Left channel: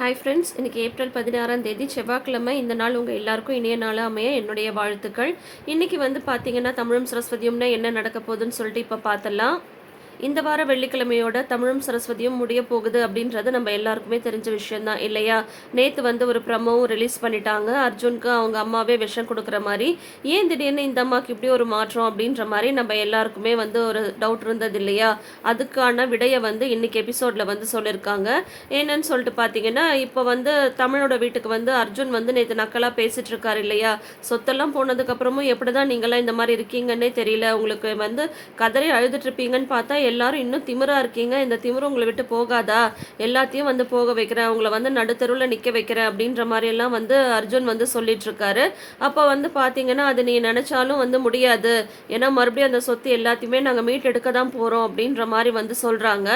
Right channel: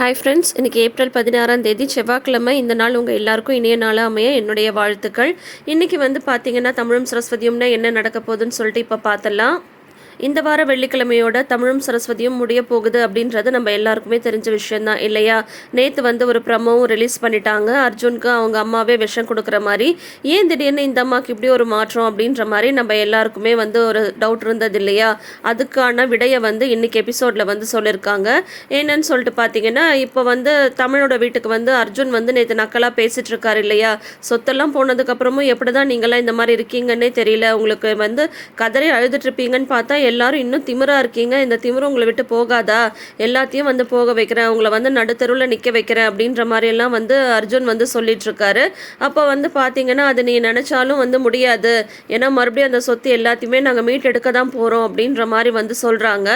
Hi friends இன்றைக்கி April பதினாறாம் தேதி செவ்வாய்க்கிழமை. இந்த நாள் உங்கள் எல்லாருக்கும் இணைய நாளாக அமைய என்னுடைய வாழ்த்துக்கள். இன்றைக்கி வந்து பார்த்தீங்கன்னா தமிழும் சரஸ்வதியும்னா என்ன நடக்க போகுதுன்னு சொல்லிட்டு இப்போ பார்த்தலாம் இந்த வார வெள்ளிக்கிழமையோட தமிழும் சரஸ்வதியும் முடிய போகுது அப்படின்றது நம்ம எல்லாருக்குமே தெரிஞ்ச விஷயம்தான் இல்லையா? நேற்று வந்து ஒரு ப்ரமோவும் ரிலீஸ் பண்ணிட்டாங்க. அர்ஜுனுக்கு அவங்க அம்மாவே விஷம் கொடுக்குற மாதிரி. ஏன் திடீர்னு இந்த அம்மாவுக்கு இப்படி ஒரு மாற்றம் அப்படின்ற மாதிரி நம்ம எல்லாருக்குமே வந்து ஒரு டவுட் இருந்தது இல்லையா? அதுக்கான விடையை வந்து இன்னைக்கு எபிசோடில் வந்து சொல்லியிருக்காங்க. என்னன்னு சொல்லிட்டு பார்த்தீங்கன்னா இப்போ வந்து தமிழோட வீட்டுக்கு வந்து அர்ஜுன் வந்து நேற்று நக்கலாக பேசிட்டு இருக்காரு இல்லையா? சொத்தெல்லாம் போனதுக்கப்புறமும் எப்படி தான் நீங்களாம் இந்த மாதிரி இருக்கீங்கன்னே தெரியல. உங்களுக்கு வந்து கதறி அழுதுட்டு இருப்பீங்கன்னு பார்த்தா எல்லாரும் இன்னும் திமிரா இருக்கீங்க. இந்த திமிரு உங்களை விட்டு போகாதா? எல்லாத்தையும் வந்து போக வைக்கிறேன். உங்களை வந்து நடுத்தருவில் நிற்க வைக்கிறேன் அப்படின்ற மாதிரியெல்லாம் வந்து அர்ஜுன் வந்து சொல்லிட்டுருக்காரு. அப்போ வந்து பார்த்தீங்கன்னா அது நீ நினச்சாலும் வந்து முடியாது. ஏன்னா மறுபடியும் அந்த சொத்து எல்லாத்தையுமே நாங்கள் மீட்டெடுக்க தான் போகிறோம் அப்படின்ற மாதிரி வந்து சொல்கிறாங்க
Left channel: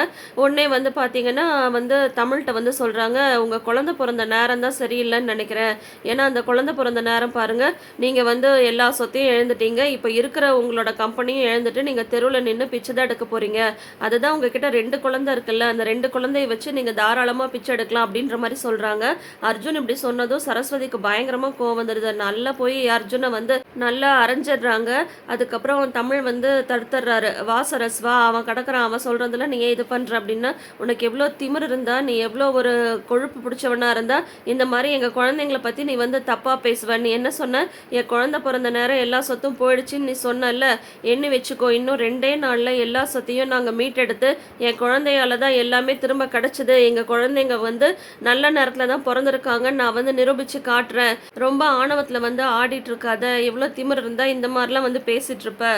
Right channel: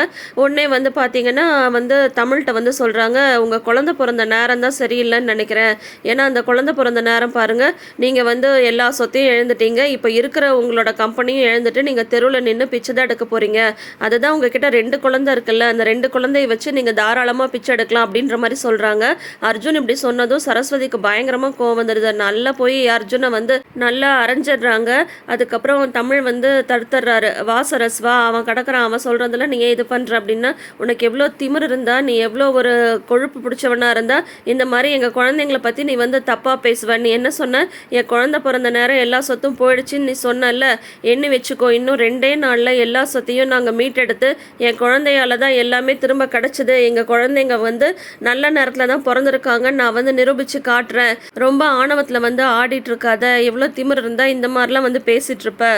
உடனே வந்து பார்த்தீங்கன்னா வந்து தமிழ்கிட்ட வந்து சொல்கிறாங்க உங்கள் குழந்தை பிறந்த நேரம் தான் சரியில்லைன்னு நினைக்கிறேன். ஏன்னா அந்த குழந்தை பிறந்த நேரம் பாருங்கள் நீங்கள் வந்து எல்லா சொத்தையும் எழுந்துட்டீங்க இப்போ இருக்கிற உங்களோட கம்பெனியும் எழுந்துட்டு நீங்கள் தெருவில் நின்று பிச்சை தான் எடுக்க போகிறீங்க அதுதான் உங்ககிட்ட ரெண்டு குழந்தை இருக்குல்ல அந்த ரெண்டு குழந்தைய வச்சு நீங்கள் தாராளமாக பிச்சை எடுக்கலாம் அப்படின்ற மாதிரி சொல்கிறாங்க அர்ஜுன் இப்படி சொன்னதும் சரஸ்வதிக்கு பயங்கரமாக கோவம் வந்துடுது நல்லா போய் அர்ஜுனை வந்து நல்லா அரைஞ்சிடுறாங்க. அதுக்கப்புறம் தமிழ் வந்து தடுத்துடுறாரு. வா சரஸ்வா அவன் கிடக்குறான் அவன் சொல்கிறதுல நீ ஏன் இது பண்ணுற அப்படின்னா. உனக்கு எவ்வளோ திமிர் இருந்தா நீ எவ்வளோ ஒரு கொழுப்பு பிடிச்சவனா இருந்தா இந்த மாதிரி எங்கள் குழந்தைங்கள பற்றி நீ வந்து தப்பாக பேசுவ. நீ என்ன சொன்ன? என் குழந்தை பிறந்த நேரம் எல்லா சொத்தும் போயிடுச்சுன்னு நீ சொன்னல எண்ணி வச்சுக்கோ இன்னும் ரெண்டே நாளில் எல்லா சொத்தையும் நாங்கள் மீட்டெடுத்து என் குழந்தையால தான் எல்லாமே திரும்ப கிடச்சிது. எங்கள் குழந்தைங்க வந்து நல்ல நேரத்தில் தான் பிறந்திருக்காங்க. நான் வந்து நிரூபித்து காட்டுறேன். ரொம்ப ஆணவத்தில் வந்து ஆடிட்டுருக்காத எவ்வளோ திமிர் இருந்தால் இந்த மாதிரிலாம் வந்து பேசிகிட்ருப்ப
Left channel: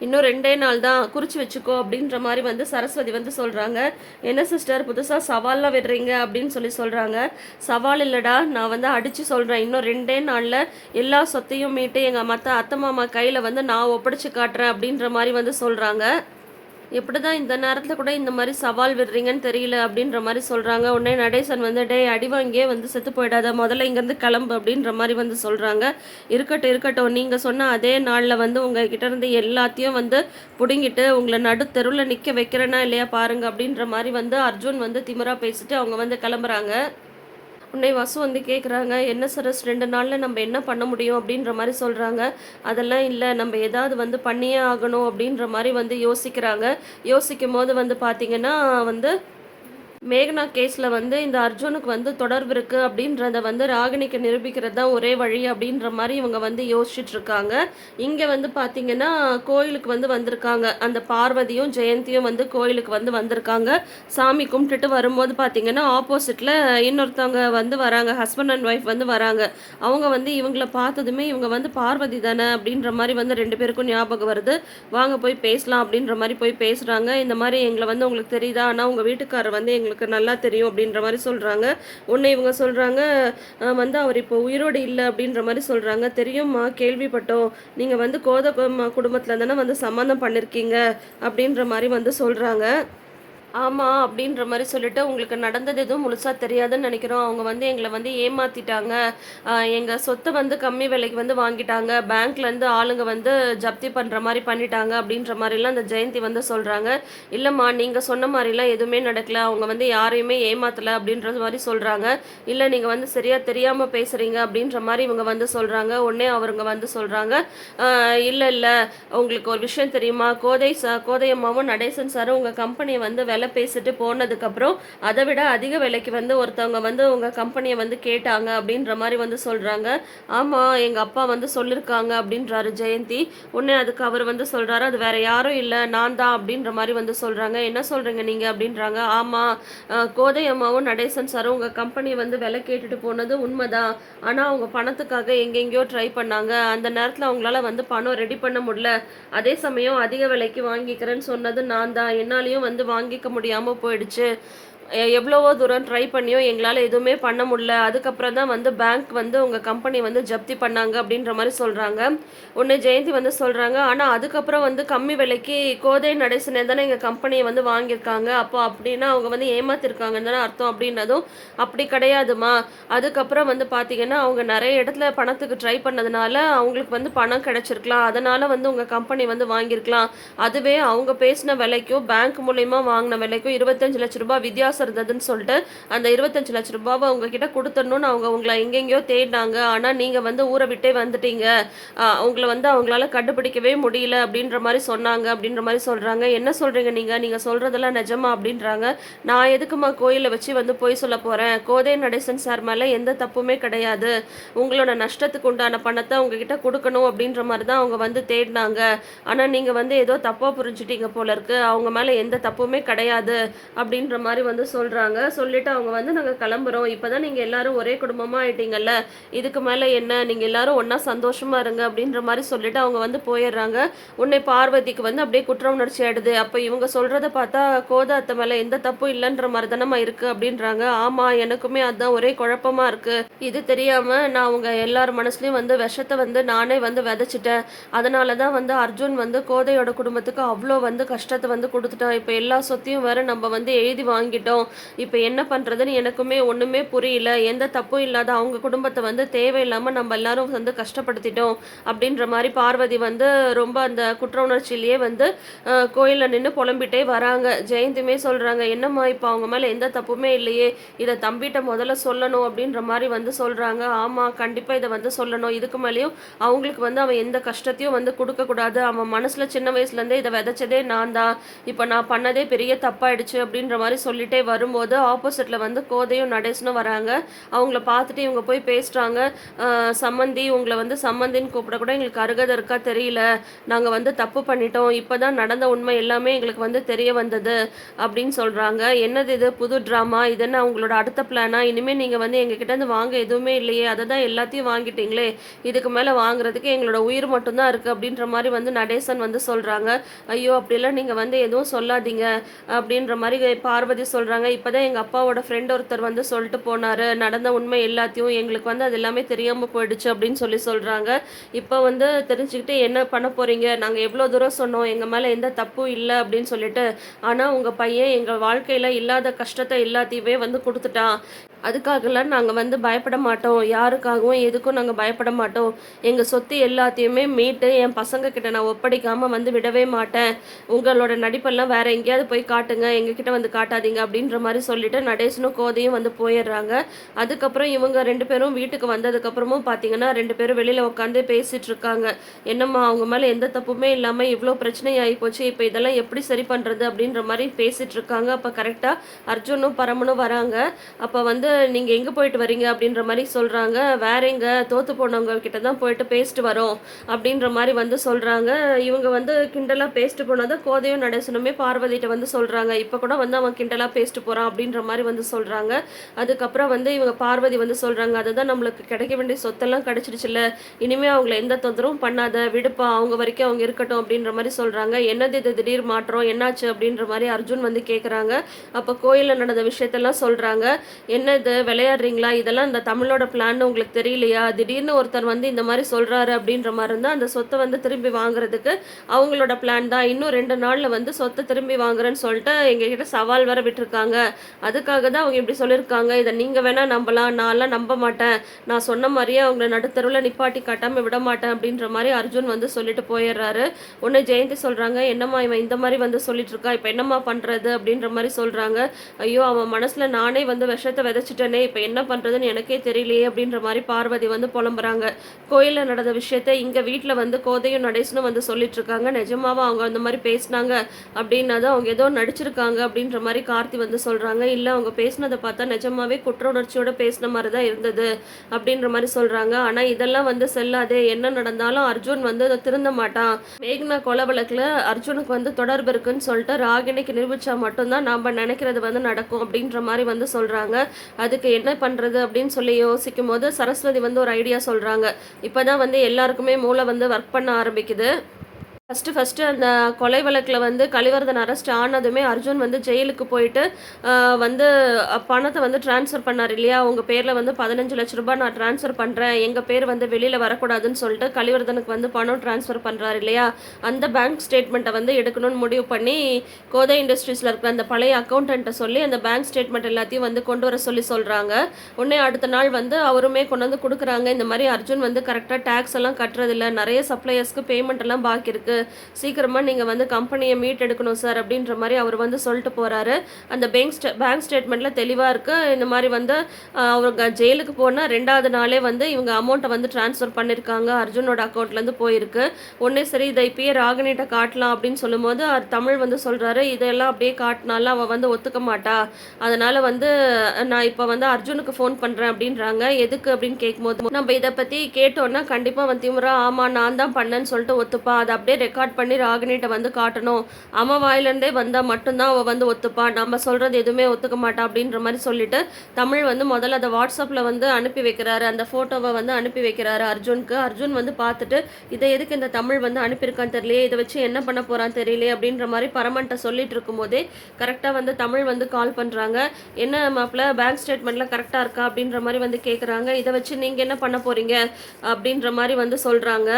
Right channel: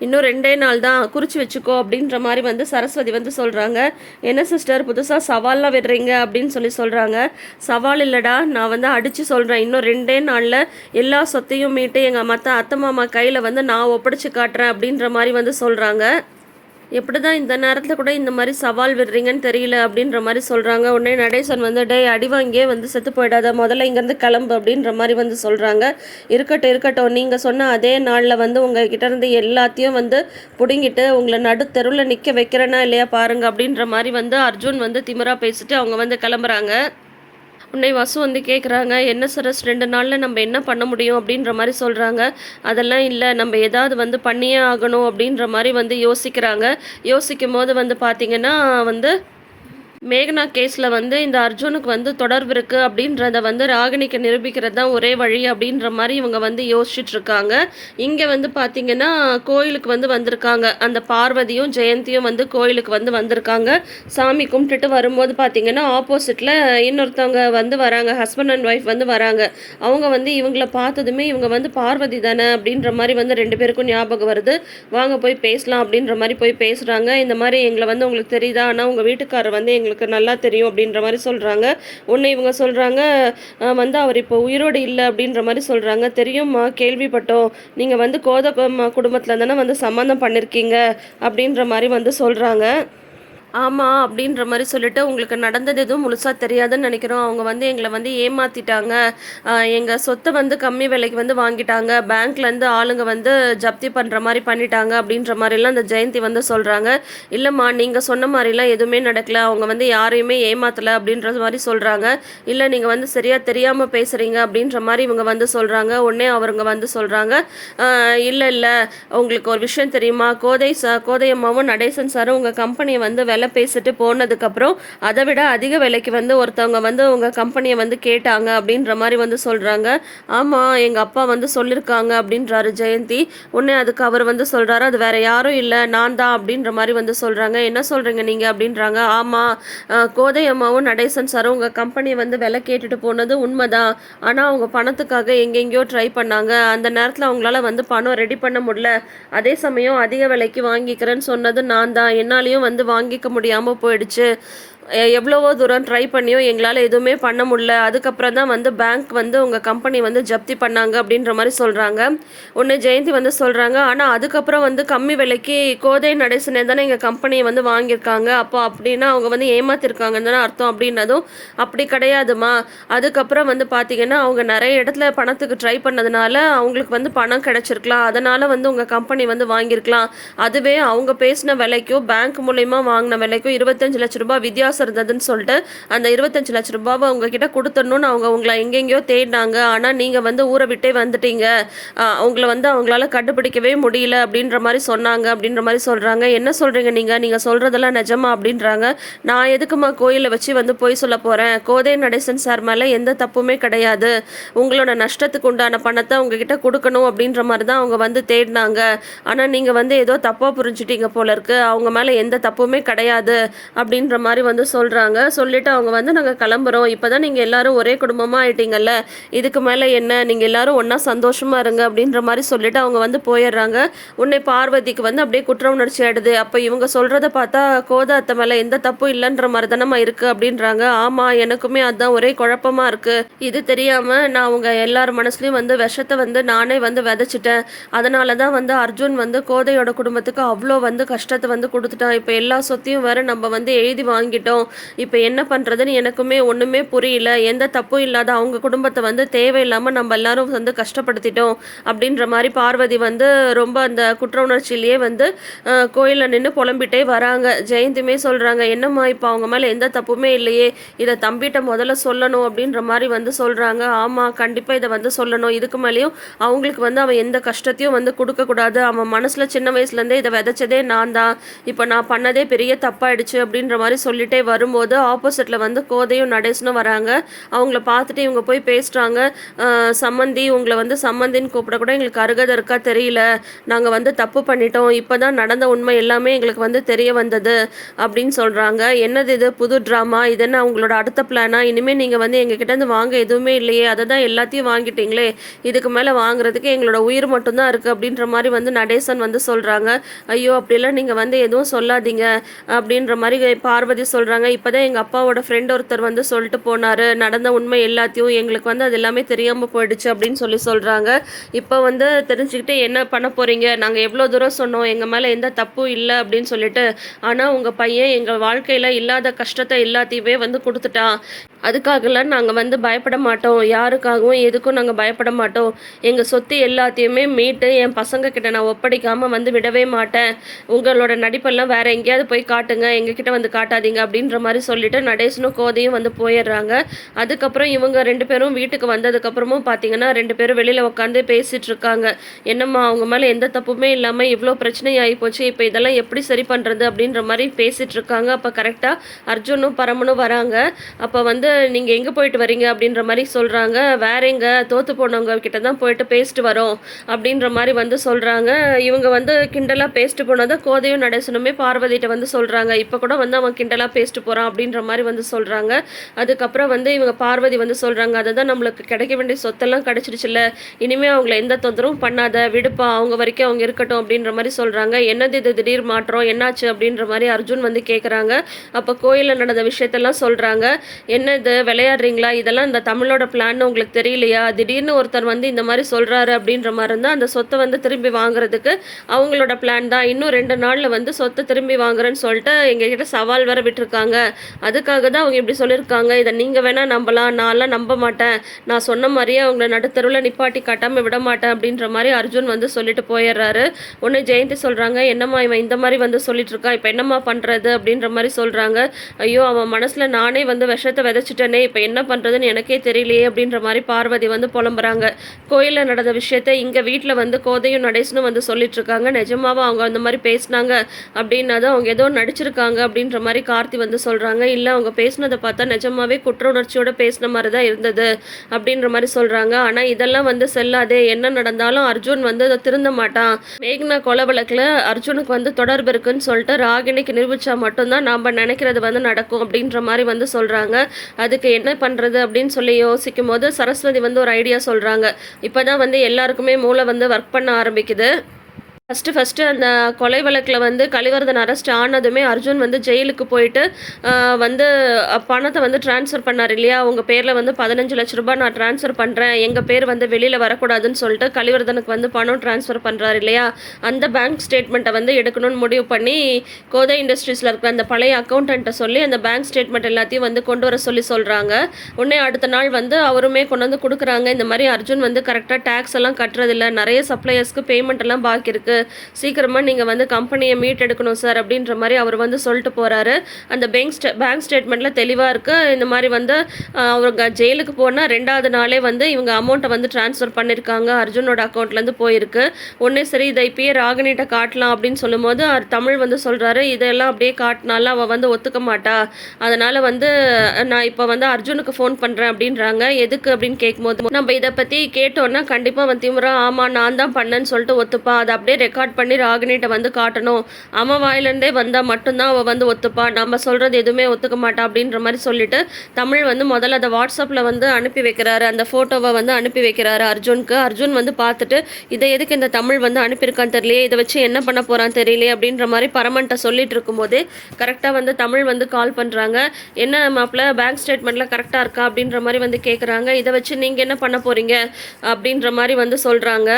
இன்னும் ரெண்டே நாள் தான் குறித்து வச்சுக்கோ அப்படின்ற மாதிரி வந்து சரஸ்வதி வந்து சொல்கிறாங்க என்ன சிஸ்டர் புதுசாக சவால்லாம் விடுறீங்க அப்படின்னு சொல்லி சொல்கிறாங்க சவால் இல்லைடா நான் வந்து அடித்து சொல்கிறேன் இன்னும் ரெண்டே நாளில் எல்லா சொத்தையும் மீட்டு எங்கள் மற்ற அத்தை மாமா கையில் வந்து நான் ஒப்படைச்சு காட்டுறேன் அப்படின்ற மாதிரி வந்து சொல்கிறாங்க எப்படி தான் இந்த நேரத்தில் கூட இந்த மாதிரி சவால் விடுறீங்கன்னு தெரியல அப்படின்ற மாதிரி சொல்கிறாங்க உடனே நடேசன் வந்து டே அடி வாங்கியே வந்து செத்து போயிடாத முதல்ல இங்கேருந்து கிளம்பு அப்படின்ற மாதிரி வந்து சொல்கிறாங்க இருக்கட்டும் இருக்கட்டும் நீங்கள் சொன்ன அதே நாளில் வந்து உங்கள் இருந்து எல்லாத்தையும் வந்து பிடுங்கிட்டு உங்களை நடு தெருவில் நிற்க வைக்கிறேன்னா இல்லையா பாருங்கள் அப்படின்ற மாதிரி வந்து அர்ஜுன் வந்து திமிரா பேசிட்டு அவங்க வந்து கிளம்புறாங்க. உன்னை வசு வந்து கேட்குறாங்க என்ன சரஸ் ரெண்டு நாளில் நம்ம என்ன பண்ண முடியும் அப்படின்ற மாதிரி சொல்கிறாங்க அதெல்லாம் இல்லை நம்ம ஏதாவது வந்து பண்ணியே ஆகணும் அப்படின்ற மாதிரி வந்து யோசிக்கிறாங்க. யோசிக்கும் போது வந்து பார்த்திங்கன்னா வந்து மேகனா கேஸில் வந்து இந்த அர்ஜுனுக்கு வந்து தொடர்பு இருக்குது அப்படின்றத வந்து ராகினிக்கு நிரூபிக்கிறது தான் ஒரே வழி அப்படின்ற மாதிரி இவங்க வந்து யோசிச்சுட்டு இருக்காங்க. இங்கே வந்து பார்த்திங்கன்னா கோயிலுக்கு வந்து வந்திருக்காங்க. அந்த பார்வதியும் ஜெயந்தியும் வந்து கோயிலுக்கு வந்து வந்திருக்காங்க. சாமி கும்பிட்டுட்டு வரும்போது பார்த்திங்கன்னா ஆப்போசிட்டில் இன்னொருத்தவங்க வந்து வராங்க. ஹஸ்பண்ட் அண்ட் ஒய்ஃப் வந்து வராங்க. அவங்க வந்து இவங்கள பார்த்ததுமே இவங்க வந்து பார்வதி தானே அப்படின்ற மாதிரி வந்து ரெண்டு பேருக்கும் ஞாபகம் வருது. வாங்க போய் பேசலாம் அப்படின்ற மாதிரி போய் பேசுகிறாங்க இந்த மாதிரி எங்களை வந்து உங்களுக்கு தெரியுதா? ஆனால் உங்கள் வீட்டுக்காரர் வந்து எங்கள் எங்களுக்கு நல்லா தெரியும் அப்படின்ற மாதிரி சொல்கிறாங்க ஒன்று இவங்க சொல்கிறாங்க வந்து அவர் இப்போ உயிரோடு இல்லை அப்படின்ற மாதிரி சொல்கிறாங்க தெரியுமா கேள்விப்பட்டோம். நீங்கள் வந்து கோத குடும்பத்தில் தானே வந்து சம்மந்தம் பண்ணியிருக்கீங்க அப்படின்ற மாதிரி வந்து சொல்கிறாங்க ஆமாம் அப்படின்ற மாதிரி சொல்லிட்டு உங்களுக்கு நடந்தது எதுவும் முழுசாக தெரியாதுன்னு நினைக்கிறோம். அவங்க வந்து எங்களை வந்து ஏமாற்றிட்டாங்க எங்கள் சொத்தை வந்து கம்மி விலைக்கு வந்து வாங்கிட்டாங்க. பேங்க்லேருந்து ஆளுங்க வந்து ஜப்தி பண்ணுற மாதிரி பண்ணிட்டாங்க அப்படின்ற மாதிரிலாம் அந்த ஜெயந்தி வந்து சொல்கிறாங்க இல்லைம்மா நீங்கள் சொன்ன மாதிரிலாம் எதுவுமே நடக்கல. அவங்க வந்து யாரையுமே ஏமாற்றலை அப்படின்ற மாதிரி சொல்கிறாங்க இல்லை நீங்கள் வந்து சரியாக தெரியாமல் பேசுகிறீங்க அப்படின்ற மாதிரி இவங்க வந்து சொல்கிறாங்க உடனே அவருங்க வந்து சொல்கிறாங்க இல்லை இல்லை. உங்களுக்கு ஒரு விஷயம் தெரியுமா? கோதை சா கோதையம்மாவும் நடேசன் சாரும் உங்கள் கம்பெனியை வந்து விலை பேசிட்டு போனதுக்கப்புறம் அதை விட அதிக விலைக்கு வந்து ஒருத்தவங்க வந்து உங்கள் கம்பெனியை வந்து கேட்டாங்க அப்படின்ற மாதிரி வந்து சொல்கிறாங்க ஆமாம் எங்கள் அப்பா வந்து சொல்லியிருக்காங்க அப்படின்றாரு ஜெயந்தி. உடனே அதுக்கு அவர் வந்து சொல்கிறாரு அது வேற யாரும் இல்லை நான் தான் அப்படின்ற மாதிரி வந்து சொல்கிறாங்க என்ன சொல்கிறீங்க நீங்கள் அப்படின்றாங்க. ஆமாம் கோதை அம்மாவும் நடேசன் சாரும் உங்கள் கம்பெனியை வந்து விலை கேட்டுட்டு போனது உண்மைதான். ஆனால் அவங்க பணத்துக்காக எங்கெங்கேயோ ட்ரை பண்ணாங்க. அந்த நேரத்தில் அவங்களால வந்து பணம் ரெடி பண்ண முடியல. அதே சமயம் அதிக விலைக்கு வாங்கிக்கிறேன்னு சொன்னது நான் தான். என்னாலையும் வந்து வாங்கிக்க முடியாமல் போயிடுச்சு. எவ்வளவோ தூரம் ட்ரை பண்ணியும் எங்களால் எதுவுமே பண்ண முடியல. அதுக்கப்புறம் தான் வந்து பேங்க் வந்து உங்கள் கம்பெனி வந்து ஜப்தி பண்ணாங்க அப்படின்ற மாதிரி சொல்கிறாங்க ஒன்று ஜெயந்தி வந்து சொல்கிறாங்க ஆனால் அதுக்கப்புறம் வந்து கம்மி விலைக்கு கோதை நடைசனே தானே எங்கள் கம்பெனியை வந்து வாங்கியிருக்காங்க. அப்போ அப்படின்னா அவங்க வந்து ஏமாத்திருக்காங்கன்னு தானே அர்த்தம் அப்படின்னதும் அப்படி கிடையாதுமா. அதுக்கப்புறம் வந்து பார்த்தீங்கன்னா அவங்க நிறைய இடத்துல பணத்துக்கு ட்ரை பண்ணதுனால அவங்களுக்கு வந்து பணம் கிடச்சிருக்கலாம். அதனால் வந்து உங்கள் கம்பெனி வந்து வாங்கியிருக்கலாம். அதுவே அவங்க பேசின விலைக்கும் பேங்க் மூலயமா வாங்கின விலைக்கும் இருபத்தஞ்சு லட்ச ரூபாய் வித்தியாசம் காசு இருந்ததுன்னு சொல்லிட்டு அந்த இருபத்தஞ்சு லட்ச ரூபாவை உங்ககிட்ட கொடுத்துடணும்னு அவங்க உங்களை எங்கெங்கேயோ தேடினாங்க. ஆனால் நீங்கள் வந்து ஊரை விட்டே வந்துட்டீங்க. அவங்கள வந்து அவங்களால கண்டுபிடிக்கவே முடியல அப்படின்ற மாதிரி சொன்னாங்க அப்படின்ற மாதிரி சொல்கிறாங்க என்ன சொல்கிறீங்க நீங்கள் நீங்கள் சொல்கிறதெல்லாம் நிஜமா அப்படின்றாங்க. நான் எதுக்குமா கோயிலை வச்சு வந்து போய் சொல்ல போகிறேன் கோதை நடேசன் சார் மேலே எந்த தப்புமே கிடையாது. உங்களோட நஷ்டத்துக்கு உண்டான பணத்தை உங்ககிட்ட கொடுக்கணும் அப்படின்ற மாதிரி தான் அவங்க வந்து தேடினாங்க. ஆனால் நீங்கள் வந்து ஏதோ தப்பாக புரிஞ்சுட்டீங்க போல இருக்கு. அவங்க மேலே எந்த தப்புமே கிடையாது அப்படின்ற மாதிரி வந்து சொல்கிறாங்க சொல்லிவிட்டு அவங்க வந்து நாங்கள் கிளம்புறோம். இப்போ தான் நீங்கள் எல்லாரும் ஒரே குடும்பமாக ஆயிட்டீங்கல்ல. இதுக்கு மேலே என்ன? நீங்கள் எல்லோரும் ஒன்றா சந்தோஷமாக இருங்க. அப்படின்ற மாதிரி சொல்லிவிட்டு அவங்க வந்து போயிடுறாங்க. உன்னை பார்வதிக்கு வந்து அப்படியே குற்ற உணர்ச்சி ஆயிடுது. அப்போ இவங்க சொல்கிறத பார்த்தா கோத அத்தை மேலே எந்த தப்பும் இல்லைன்ற மாதிரி தானம்மா இருக்குது அப்படின்றாங்க. ஆமாம் எனக்குமே அதுதான் ஒரே குழப்பமாக இருக்குது இது தெரியாமல் நான் அவங்க எல்லார் மனசுலையும் வந்து விஷத்தை வந்து நானே வந்து விதைச்சிட்டேன். அதனால தான் வந்து அர்ஜுன் வந்து கோதையோட குடும்பத்துக்கு அவ்வளோ வந்து கஷ்டத்தை வந்து கொடுத்துட்டான். இப்போ எல்லா சொத்தையும் வேறு நம்ம வந்து எழுதி வாங்கிட்டோம். இப்போ என்ன பண்ணுறதுன்னு எனக்குமே ஒன்றுமே புரியல. எந்த தப்பும் இல்லாத அவங்க குடும்பத்தை வந்து தேவையில்லாமல் நம்ம எல்லாரும் வந்து கஷ்டப்படுத்திட்டோம். அப்படின்ற மாதிரி பார்வதி வந்து ரொம்ப அந்த குற்ற உணர்ச்சியிலேயே வந்து கோயிலில் நின்று புலம்பிட்டே வராங்க. ஜெயந்திமே சொல்கிறாங்க என்னம்மா இப்போ அவங்க மேலே எந்த தப்புமே இல்லையே. இதை தம்பிகிட்ட முதல்ல சொல்லணும் அப்படின்ற மாதிரி வந்து சொல்கிறாங்க ஆமாம் கண்டிப்பாக இதை வந்து சொல்லணும். இதுக்கு மேலேயும் அவங்களுக்கு வந்து அவன் எந்த கஷ்டத்தையும் வந்து கொடுக்கக்கூடாது அவன் மனசில் சின்ன வயசுலேருந்தே இதை விதைச்சதே நான் தான். இப்போ நான் பண்ணதே பெரிய தப்பாயிடுச்சு அப்படின்ற மாதிரி சொல்லிட்டே வரும்போது ஆப்போசிட்டில் வந்து கோதையும் நடேசனும் வராங்க. அவங்கள பார்த்துட்டு இவங்க போய் பேசுகிறாங்க சம்மந்தி உங்களை வந்து சம்மந்தின்னு கூப்பிட கூட எங்களுக்கு அருகதை இருக்கா தெரியல. நாங்கள் வந்து தப்பு பண்ணிட்டோம். இப்போ தான் நடந்த உண்மை எல்லாமே எங்களுக்கு வந்து தெரிய வந்தது அப்படின்னு சொல்கிறாங்க என்னது இது? புது ட்ராமா இது என்ன அவங்களோட அடுத்த பிளானா இனிமேல் நீங்கள் வந்து எங்ககிட்ட இருந்து வாங்க எதுவுமே இல்லையே. அதை தான் எல்லாத்தையும் வாங்கிட்டீங்களே. இதுக்கு மேலே வாங்குறதுக்கு எங்களோட உயிர் மட்டும்தான் இருக்குது அப்படின்ற மாதிரி வந்து நடேசன் வந்து சொல்கிறாங்க ஐயோ அப்படிலாம் நீங்கள் வந்து எதுவும் சொல்லாதீங்க அப்படின்ற மாதிரி பார்வதி சொல்கிறாங்க இப்போ தான் எங்கள் அப்பாவோட ஃப்ரெண்ட் ஒருத்தர் வந்து சொல்லிட்டு போனார். நடந்த உண்மை எல்லாத்தையும் எங்களுக்கு வந்து அது எல்லாமே தெரியாமல் போயிடுச்சு அப்படின்னு சொல்லி சொல்கிறாங்க இப்போ வந்து தெரிஞ்சுக்கிட்டு என்ன பண்ண போகிறீங்க நாங்கள் எவ்வளோ தூரம் சொன்னோம். எங்கள் மேலே எந்த தப்பும் இல்லை அப்படின்னு சொல்லிட்டு ஆனால் உங்கள் பையன் எங்கள் வாழ்க்கையில் இல்லாத கஷ்டத்தை எல்லாத்தையுமே வந்து கொடுத்துட்டான். அதுக்காகலாம் நாங்கள் வந்து பயப்பட மாட்டோம். யாருக்காகவும் எதுக்கும் நாங்கள் பயப்பட மாட்டோம். எங்கள் சொத்து எல்லாத்தையுமே மீட்டு என் பசங்க கிட்ட நான் ஒப்படைக்காமல் வந்து விடவே மாட்டேன். உங்களோட நடிப்பெல்லாம் வேற எங்கேயாவது போய் காட்டுங்க. எங்ககிட்ட வந்து காட்டாதீங்க அப்படின்ற மாதிரி சொல்லிட்டு நடேசனும் கோதையும் வந்து போயிடுறாங்க. அதுக்கப்புறம் இவங்க ரெண்டு பேரும் வீட்டுக்கு வந்ததுக்கப்புறமும் பார்த்தீங்கன்னா ரெண்டு பேரும் வெளியில் உட்காந்து பேசிட்டு இருக்காங்க. என்னம்மா அவங்க மேலே எந்த தப்புமே இல்லாமல் இவ்வளோ பிரச்சனை ஆகி போச்சு. இப்போ இதெல்லாம் எப்படி சரி பண்ணுறது அப்படின்ற மாதிரி பேசிட்டு இருக்காங்க. அப்போ கரெக்டாக அர்ஜுனும் பரமனும் வராங்க. அப்போ வந்து நீங்கள் எங்கே போயிட்டு வரீங்க அப்படின்ற மாதிரி சொல்கிறாங்க வேற எங்கே? தோற்று போனவங்க கிட்ட தான் போயிட்டு பேசிட்டு வரோம் அப்படின்ற மாதிரி வந்து சொல்கிறாங்க இவங்க வந்து கிண்டலாக பேசிட்டு போனதை கோதையும் நடேசனுமே பார்வதிட்ட வந்து சொல்கிறாங்க இப்போ கூட வந்து அவன் கிண்டலாக பேசிட்டு போகிறான் அப்படின்ற மாதிரி வந்து சொல்கிறாங்க அதுக்கப்புறம் வந்து இவங்க பார்வதி வந்து சொல்கிறாங்க அதுதான் நம்மளுக்கு கிடைக்க வேண்டிய சொத்தெல்லாம் கிடைச்சிடுச்சுல்ல. இனிமேல் அவங்கள எந்த தொந்தரவும் பண்ணாத. விடுப்பா அவங்க வரைக்கும் அவங்க இருக்கட்டும் அப்படின்ற மாதிரி சொல்கிறாங்க என்னது இது? திடீர் மாற்றம்? என்னாச்சு? அப்படின்ற மாதிரி அர்ஜுன் வந்து கேட்குறாங்க அப்போ கோயிலில் நடந்த விஷயத்தெல்லாம் சொல்கிறாங்க என்ன இது விளையாடுறீங்களா? இதெல்லாம் இந்த தமிழோட பிளான் உங்களுக்கு தெரியலையா? திடீர்னு ஒருத்தர் வந்து இந்த மாதிரி சொல்கிறாரு அப்படின்ற மாதிரி இருந்தால் அந்த சொத்தை வந்து திரும்பி வாங்குறதுக்கு அவங்களோட பிளான் தான். இன்னும் ரெண்டு நாளில் வந்து சொத்தை திரும்பி வாங்குறேன்னு சொல்லிட்டு எங்ககிட்ட சவால் வர விட்டுருக்காங்க. அதுக்காக தான் அவங்க இப்படி சொல்லியிருக்காங்க. இதை நீங்கள் வேணால் நம்பலாம். நான்லாம் நம்ப மாட்டேன். நான் சொன்ன மாதிரியே அவங்கள நடுத்தருவில் நிப்பாட்டி காட்டாமல் விட மாட்டேன் அப்படின்ற மாதிரி அர்ஜுன் வந்து சொல்லிட்டு போயிடுறாரு. ஒன்று ஜெயந்தி சொல்கிறாங்க என்னம்மா இவன் இந்த மாதிரி வந்து சொல்லிட்டு இருக்கா? இப்போ என்னம்மா பண்ணுறது அப்படின்ற மாதிரி சொல்கிறாங்க ஐயோ அவன் மனசில் நானே வந்து விஷத்தை வச்சுட்டேனே இப்போ என்ன பண்ணுறதுன்னு எனக்கே தெரியலையே அப்படின்ற மாதிரி பார்வதி வந்து புலம்புறாங்க. கோயிலில் நடந்த விஷயத்த இங்கே வீட்டில் வந்து கோதையும் நடேசனும் வந்து சொல்லிட்டு இருக்காங்க அவங்க அந்த மாதிரி பேசினாங்க அப்படின்னா தான் அவங்க ஏதோ நடிச்சிருக்காங்க அப்படின்ற மாதிரி கார்த்தி வந்து சொல்கிறாங்க இல்லை அவங்க பேசினதை பார்த்தா நிஜமாவே குற்ற உணர்ச்சியோட பேசின மாதிரி தான் இருந்தது அப்படின்ற மாதிரி சொல்கிறாங்க ஆனால் இதெல்லாம் வந்து செல்லாதே என்ன நடந்தாலும் அர்ஜுன் வந்து அதை திருந்த மாட்டான். மேக்னா கொலை வழக்கில் அர்ஜுனுக்கு வந்து தொடர்பு இருக்குன்னு சொல்லிட்டு ராகினிக்கு நிரூபிச்சா மட்டும்தான் நாம் நினைக்கிறது வந்து நடக்கும் அப்படின்ற மாதிரி வந்து சொல்கிறாங்க அதுக்கு என்ன பண்ணுறது அப்படின்னு சொல்லி யோசிக்கும் போது சரஸ்வதி வந்து ஒரு ஐடியா சொல்கிறாங்க இப்போ தான் வந்து எல்லாருக்குமே மூளை வந்து ஒர்க் பண்ண ஆரம்பிக்குது. ஃபஸ்ட்டு ஃபஸ்ட்டு அந்த கொலை வழக்கில் வந்து கலிவர்தன் அரெஸ்ட் ஆனதுமே அர்ஜுன் வந்து ஜெயிலுக்கு போயிட்டு வந்து பணத்தை வந்து ட்ரான்ஸ்ஃபர் பண்ணார் இல்லையா? உங்கள் பேரில் வந்து பதினஞ்சு லட்ச ரூபாய் நான் ட்ரான்ஸ்ஃபர் பண்ணுறேன் எங்கள் பேர் வந்து வெளியில் வரக்கூடாதுன்னு சொல்லிட்டு கலிவர்தனுக்கு வந்து பணம் ட்ரான்ஸ்ஃபர் பண்ணுறாரு இல்லையா? அந்த பேங்க் ஸ்டேட்மெண்ட்டை வந்து எடுக்கணும்னு முடிவு பண்ணி கோதை இண்டஸ்ட்ரீஸில் இருக்கிற அந்த பழைய அக்கௌண்டண்ட்டை சொல்லி அந்த பேங்க் ஸ்டேட்மெண்ட் எல்லாத்தையும் வந்து கொண்டு வர சொல்லி சொல்கிறாங்க உடனே அடுத்த நாள் வந்து அவருமே கொண்டு வந்து கொடுக்குறாங்க. இந்த மாதிரி அர்ஜுன் வந்து கரெக்டாக டேக்ஸ் எல்லாம் கட்டுறதில்ல நிறைய சப்ளையர்ஸ்க்கு பேமெண்ட் எல்லாம் பாக்கி இருக்குது சீக்கிரமாக நீங்கள் வந்து கம்பெனியை மீட் எடுக்கணும் சார் அப்படின்ற மாதிரி அவர் வந்து சொல்லிட்டு போகிறாரு அந்த பேங்க் ஸ்டே பேங்க் ஸ்டேட்மெண்ட்டில் தெளிவாக இருக்குது இந்த மாதிரி வந்து அவங்க ஜெயிலுக்கு போனால் ரெண்டாவது நாளே வந்து இவங்க அமௌண்ட்டை வந்து ட்ரான்ஸ்ஃபர் பண்ணியிருக்காங்க அர்ஜுனோட அக்கௌண்ட்லேருந்து போயிருக்கு. ஒன்றே சரி இதை இப்பயே ராகினிட்ட காட்டலாம் அப்படின்னு சொல்லும்போது அவர் தமிழ் வந்து சொல்கிறாரு இதெல்லாம் அப்படியே காட்டினாலும் அவள் வந்து ஒத்துக்க மாட்டா. அதனால் வந்து நான் இப்போ வந்து அர்ஜுனுக்கு ஃபோன் பண்ணுறேன் அப்படின்றாங்க. எதுக்கு அப்படின்னு கேட்கும்போது நம்ம இதை பற்றி கேட்டோன்னா கண்டிப்பாக வந்து திமுறா ஆமாம் நான் தான் பண்ணேன்னு சொல்லிட்டு ஒத்துப்பா. அதை அப்படியே ரெக்கார்ட் பண்ணி ராகினிட்ட வந்து காட்டணும். அவன் வாயிலேருந்தே வந்தால் மட்டும்தான் அவள் வந்து ஒத்துப்பா. நம்ம சொல்கிறது எதுவுமே ஒத்துக்க மாட்டா அப்படின்ற மாதிரி சொல்லிட்டு தமிழ் வந்து முதல்ல அதை வாட்ஸ்அப்பில் வந்து அனுப்பி வைக்கிறாரு. அந்த ஃபோட்டோவை வந்து அனுப்பி வைக்கிறாரு அர்ஜுனுக்கு. அர்ஜுன் வந்து பார்த்துட்டு இதை எதுக்கு இந்த தமிழ் வந்து அனுப்பியிருக்கான்னு தெரியலையே இதை வச்சு என்ன பண்ண போகிறான் தெரியலையே அப்படின்ற மாதிரி பரமன்ட்ட சொல்லிட்டு இருக்கும்போதே கரெக்டாக வந்து தமிழ் வந்து கால் பண்ணுறாங்க என்ன மாப்பிள்ள பேங்க் ஸ்டேட்மெண்ட்டில் கரெக்டாக இருக்கா அப்படின்ற மாதிரி வந்து கேட்குறாங்க இதை வச்சு நீங்கள் என்ன பண்ண போகிறீங்க அப்படின்ற மாதிரி வந்து சொல்கிறாங்க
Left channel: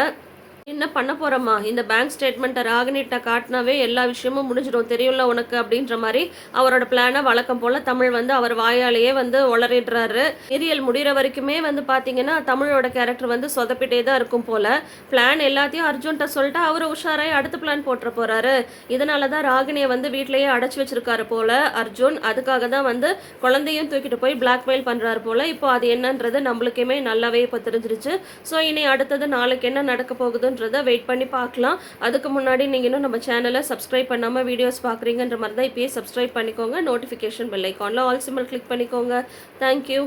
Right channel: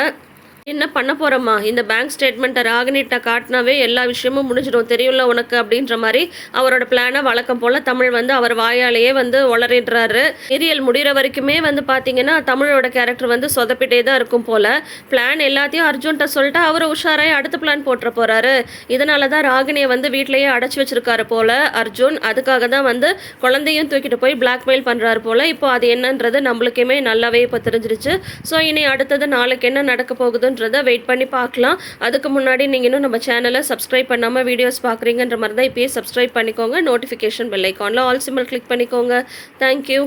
என்ன பண்ண போகிறோம்மா இந்த பேங்க் ஸ்டேட்மெண்ட்டை ராகினிட்ட காட்டினாவே எல்லா விஷயமும் முடிஞ்சிடும். தெரியும்ல உனக்கு அப்படின்ற மாதிரி அவரோட பிளானை வழக்கம் போல் தமிழ் வந்து அவர் வாயாலேயே வந்து உளறிடுறாரு சீரியல் முடிகிற வரைக்குமே வந்து பார்த்தீங்கன்னா தமிழோட கேரக்டர் வந்து சொதப்பிட்டே தான் இருக்கும் போல். பிளான் எல்லாத்தையும் அர்ஜுன்கிட்ட சொல்லிட்டு அவர் உஷாராய் அடுத்த பிளான் போட்டுற போகிறாரு இதனால தான் ராகினியை வந்து வீட்டிலேயே அடைச்சி வச்சிருக்காரு போல் அர்ஜுன். அதுக்காக தான் வந்து குழந்தையும் தூக்கிட்டு போய் பிளாக்மெயில் பண்ணுறாரு போல். இப்போ அது என்னன்றது நம்மளுக்குமே நல்லாவே இப்போ தெரிஞ்சிருச்சு. ஸோ இனி அடுத்தது நாளைக்கு என்ன நடக்க போகுதுன்றதை வெயிட் பண்ணி பார்க்கலாம். அதுக்கு முன்னாடி நீங்கள் இன்னும் நம்ம சேனலை சப்ஸ்கிரைப் பண்ணாமல் வீடியோஸ் பார்க்குறீங்கன்ற மாதிரி தான் இப்போயே சப்ஸ்கிரைப் பண்ணிக்கோங்க. நோட்டிஃபிகேஷன் பெல் ஐக்கானில் ஆல் சிம்பிள் கிளிக் பண்ணிக்கோங்க. Thank you